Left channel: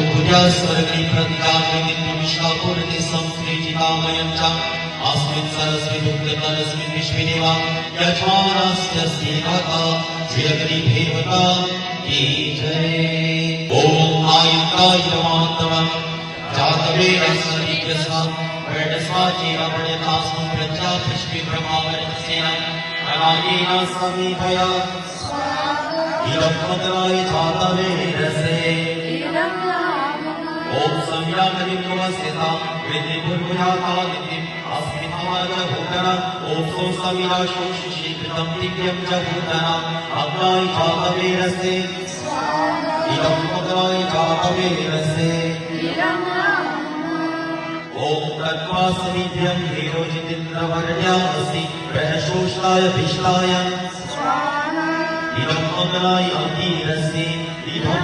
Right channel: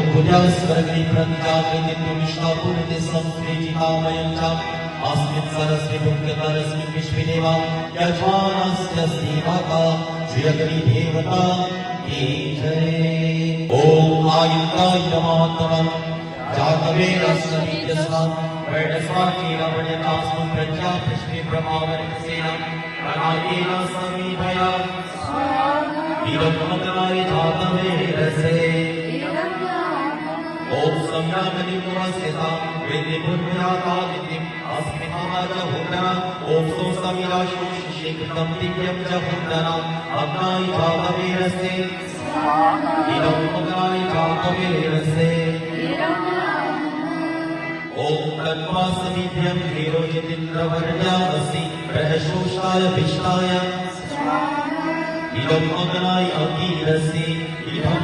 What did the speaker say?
स्वर्गणी प्रतिजाते संस्कृतिकामयं च अस्मिन् सरस्वती विश्वदेवा यजमानस्य सेवका चिरगरीभेवता की जय। ओम आयुक्ताय नमः जातवेद समीकसा वर्णस्वाचीवणतास्मं प्रजापति ब्रह्मावर्तसेन अनायेन समीपया इदं मङ्गलाय जातवेदसे ओम संयामनित्वस्यता वेदिपुण्याता नित्यम् अस्मिन् च भूतना ओम संयाशोषिषेकृतं नित्यं च भूतना अग्नाय जातवेदसे इदं मङ्गलाय जातवेदसे ओम तन्वासनिध्यं हेरोजितिन्द्रवर्यामसि प्रहशोषाय भिष्टाय इदं मङ्गलाय अकीरसे इदं